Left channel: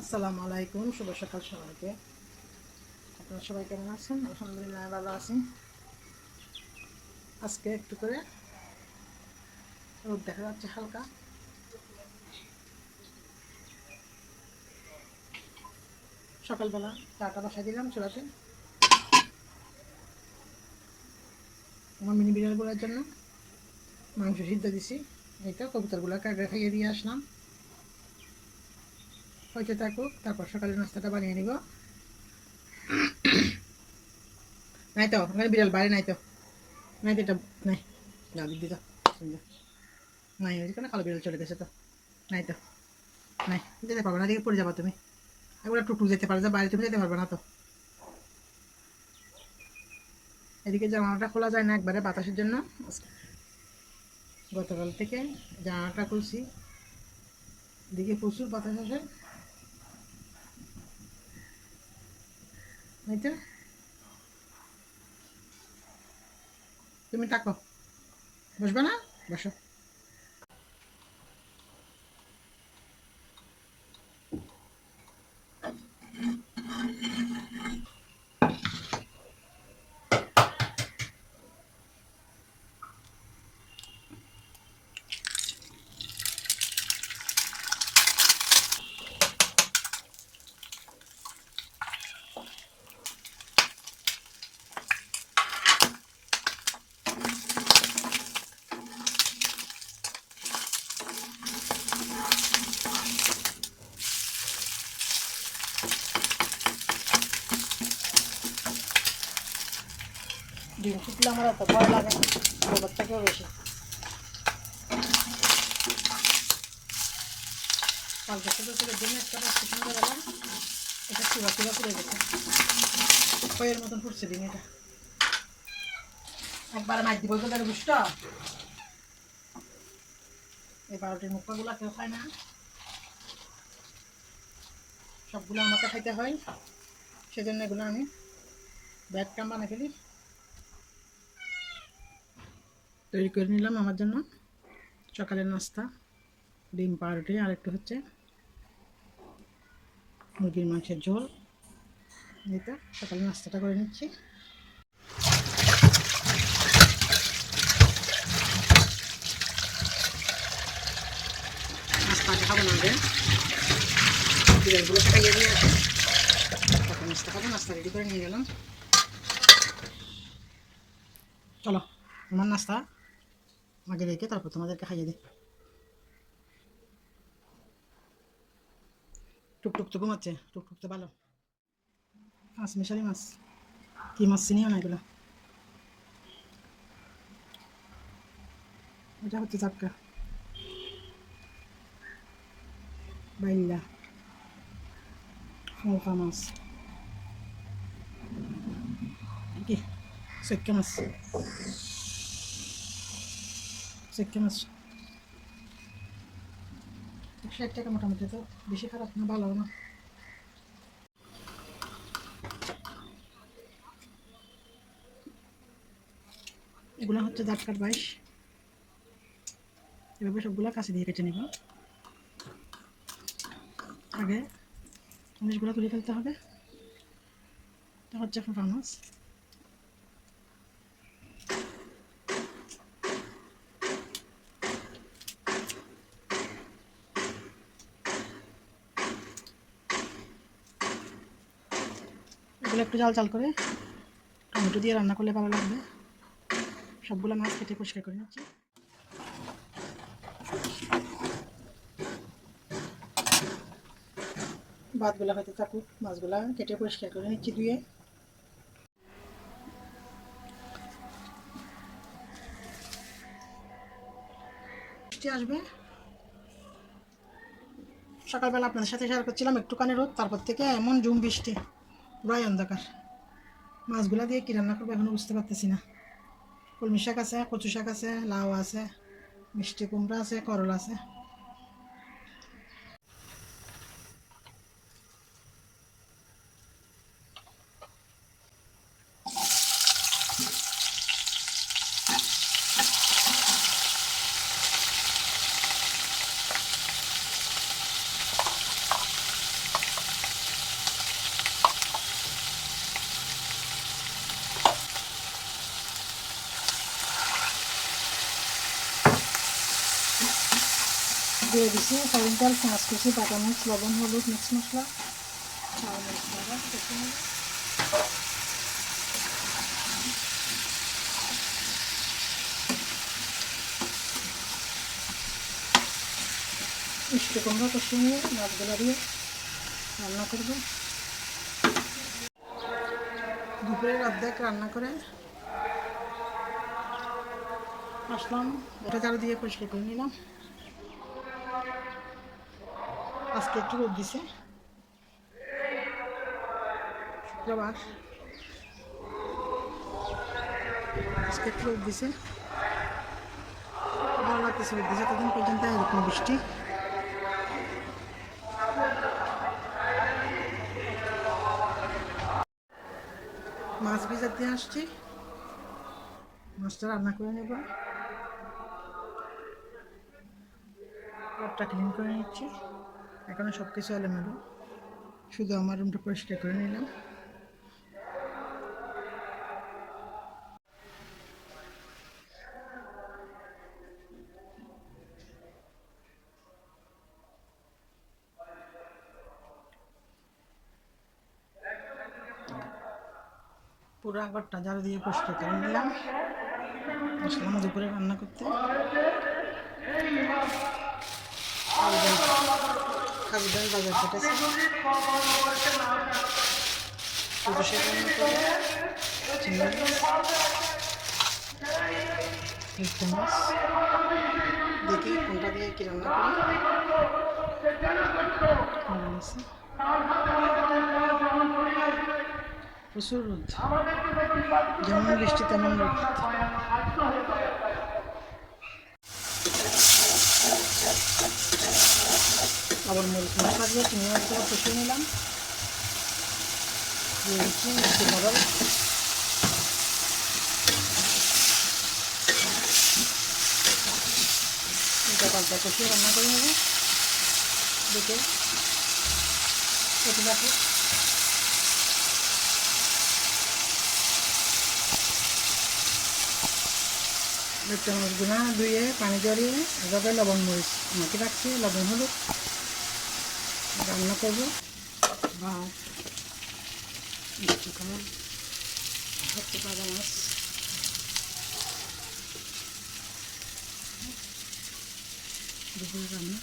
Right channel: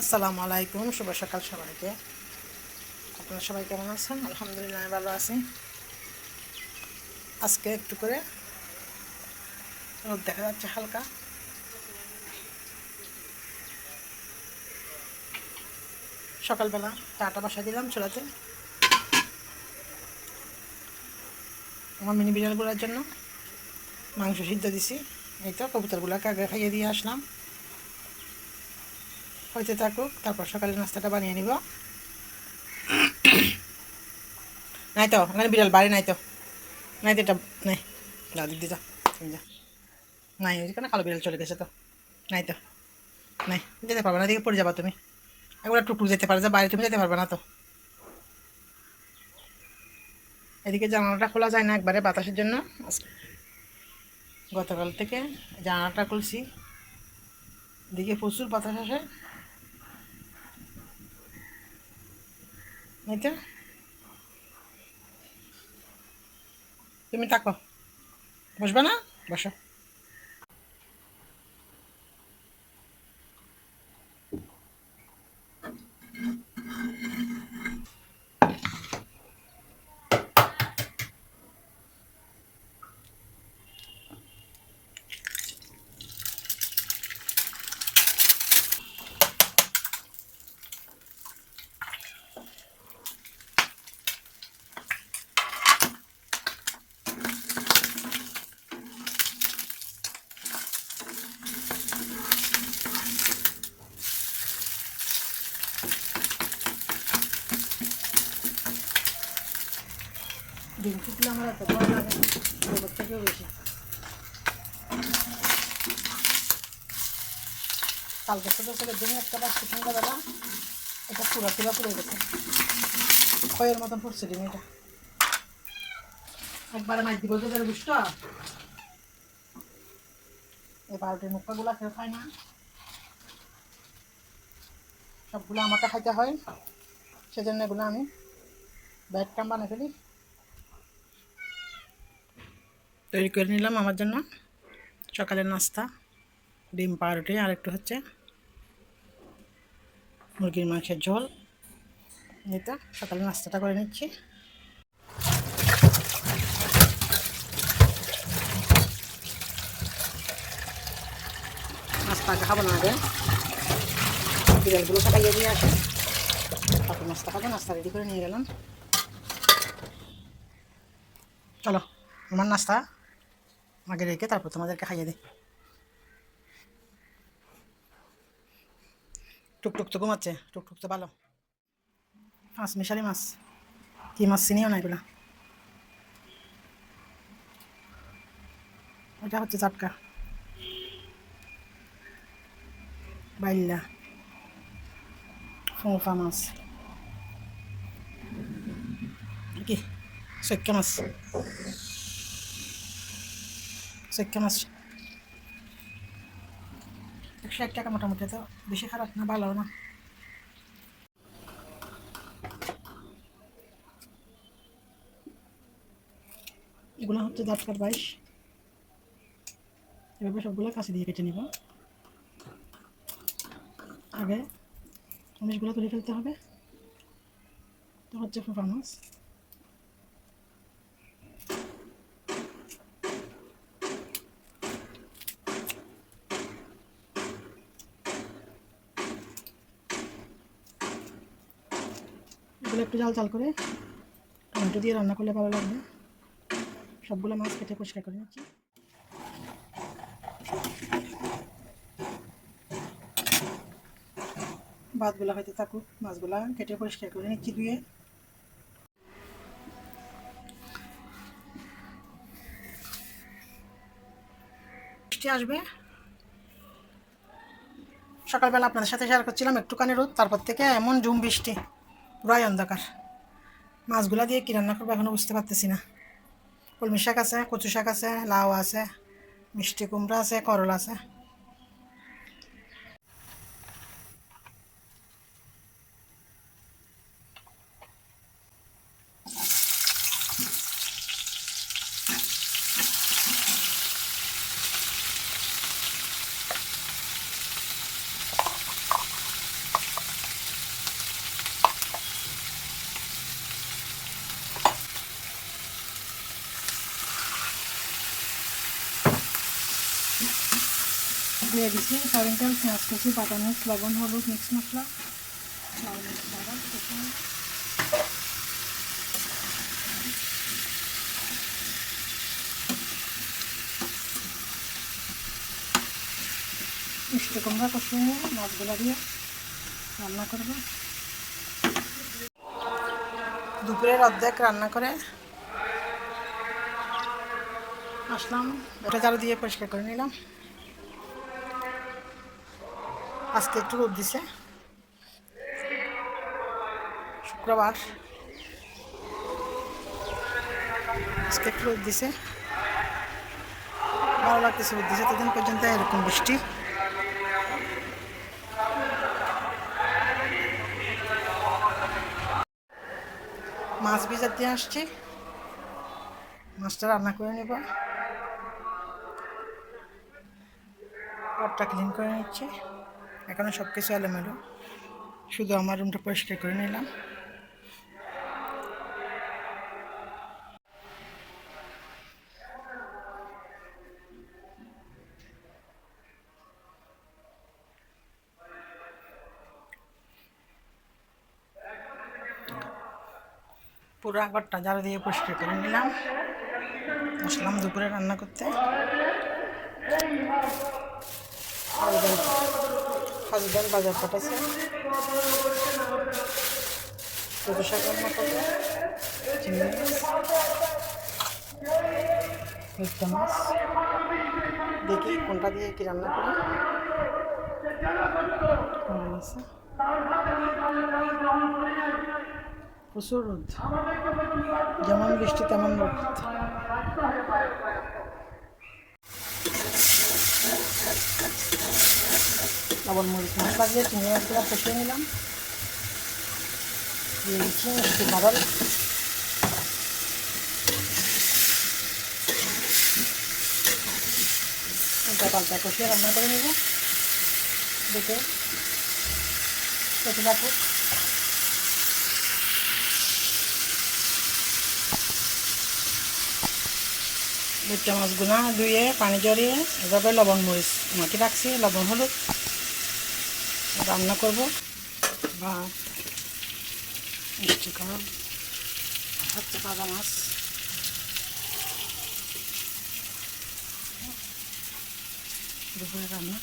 আসসালামু আলাইকুম, শুভ সকাল সবাইকে। আপনারা সবাই কেমন আছেন? আলহামদুলিল্লাহ আমি ভালো আছি। আজকে একটু করে রোদ দেখা যাচ্ছে হালকা। সকালবেলা চাটা বসাই দিলাম চুলাতে আমার মিনি বিড়ালগুলোর জন্য। মাংস সিদ্ধ দিছি, এই তো কবুতরগুলোকে আগে খাইয়ে দিয়ে আসলাম, হইতে থাকুক, তারপর সকালের নাস্তাটা বানিয়ে নিব। নাই তো ওখানে বিড়াল বাড়ি নাই তো, নাই তো এটা নাই, যা দিক দিয়ে যা, তুমি যা। নাই ওইখানে কালো বিড়াল চলে গেছে তো, নাই তো, নাই যেতে পারবে না, এদিকে পড়ে যাবা তুমি। একবার টুকটুক যেতে পারে, যে বাইরে তুমি যেতে পারবে না তো। এদিকে জানালাটা খোলা যায় না একবারে বাতাসের জন্য। গতকাল থেকে জানালাটা খুলছি, এদিকে প্রচুর বাতাস আসে। এই তো তুমি থাকো, বসবে না, বসো। ডিম ফুটলে আমার এত ভয় লাগে না, গোবর থেকেও বেশি। কালকে ছোটো ছোটো ডিম একটা পাচ্ছি সন্ধ্যাবেলা, এটা চুলা চুলা করে গেছে, খয়ের মতন ফুটছে ডিম। এটা একবারে মাছ দিব তো বুঝতো, এই বারোটির মুখাগুলা কেউ খায় না, সবগুলো আমাকে খাইতে হয়, সেজন্য এগুলো আমি ব্যাট কাম বানিয়ে ফেলি। তৈরি করে নিলাম আমার জন্য সকালের নাস্তা, ডিম পাউরুটি আর একটু হচ্ছে মুরগির মাংসের ঝোল। এটা সকালে নাস্তাটা করে নিচ্ছি। নাস্তা খাবো না, আগে বিড়ালগুলোকে খাইয়ে দিয়ে আছে, তারপর নাস্তা খাবো। নাস্তা রেডি করে নিয়ে গেলাম। চলো আমার নাস্তা আগে রেখে তারপর তোমাদেরকে খাইয়ে দিই। টুকটুক তো ঘুমাচ্ছে, টুকটুক তো ভালো। মাছ মিশালি মাছ, কী মাছ চিনিও না এগুলো। এটা হচ্ছে চাটকা বাইল্লা ফোঁফা মাছ, কি সৈক্কা মাছ, সৈক্কা মাছ 160 টাকা মোটামুটি, তো বেশি খারাপ না, ভালো না। এগুলো হচ্ছে জাটকার বাইশ। এভাবে সবগুলো কাছে দিয়ে কেটে নিব, আগে জিনিসগুলো তুলে ফেলতে হবে। তো হচ্ছে ফোঁফা মাছ, এগুলো একটু জাল জাল করে টমেটো দিয়ে রান্না করলে ভালো লাগবে। সবগুলো মাছ কেটে পরিষ্কার করে নিচ্ছি। ভাতগুলা হয়তো থাকুক, মাছগুলা কেটে পরিষ্কার করে নিচ্ছি ধুয়ে। বৃষ্টি আসবে, সকালবেলা আপনাদের সাথে শেয়ার করছিলাম একটুখানি রোদ, তারপর থেকে এমন ঝুম বৃষ্টি, পুরাই অন্ধকার। মাছগুলা দিয়ে কী রান্না করবো এখনও বুঝতে পারতেছি না। কলমি শাক আছে, কচু শাক আছে, লাউ আছে, মিষ্টি কুমড়া আছে, করলা আছে। দিয়ে দিছি সয়াবিন তেল, পেঁয়াজ কুচি, বাটা মরিচ, লবণ, হলুদ, মিক্স মশলা, ঝাল মরিচ পাউডার, কষিয়ে নেব। মিষ্টি কুমড়া কষিয়ে নিয়ে মাছগুলো দিয়ে রান্না করব। দুপুরের অর্ধেক রান্না করে আসলাম, ওটা ঝাড়ু দিয়ে পরিষ্কার করে নিলাম। আজকে একটু রোদ দিছে, শুক্রবার, আজকে একটু রোদ দিছে, ভালো লাগতেছে। রোদ দিছে এতদিন পর্যন্ত এরকম বৃষ্টি। মাছ ভিজার দিয়ে আসছি, মাছটা রান্না করে নেব। ঘরটা ক্লিন করে নিচ্ছি, এখনও সব কিছু এলোমেলো, শুধু আমার রুমটা পরিষ্কার করে নিলাম। পুরো ঘরটা ঝাড়ু দিয়ে পরিষ্কার করে নিলাম। আসলাম দুপুরে রান্না করতে। হাজব্যান্ড বাজার কেটেছে, সরু শাক রান্না করবো, চিংড়ি মাছ, মিষ্টা মাছ, দেখি কোনটা দিয়ে কি রান্না করি। প্রচুর রোদ, যেমন বৃষ্টি তেমন রোদ। আবার মরিচ মশলা দিয়ে চিংড়ি মাছগুলো কষিয়ে নিলাম, দিয়ে দিচ্ছি মিষ্টি কাঁঠাল, পাল্টা কষিয়ে রান্না করে নেব। দেখে কেটে রাখো। বেটে মাছগুলো ধুয়ে পানি জড়িয়ে এভাবে লবণ মরিচ মাটি রাখছি, লবণ হলুদ রান্না করব। ভাত, মিষ্টি কাবাব, হচ্ছে ভাজা মাছ, দুপুরে রান্না।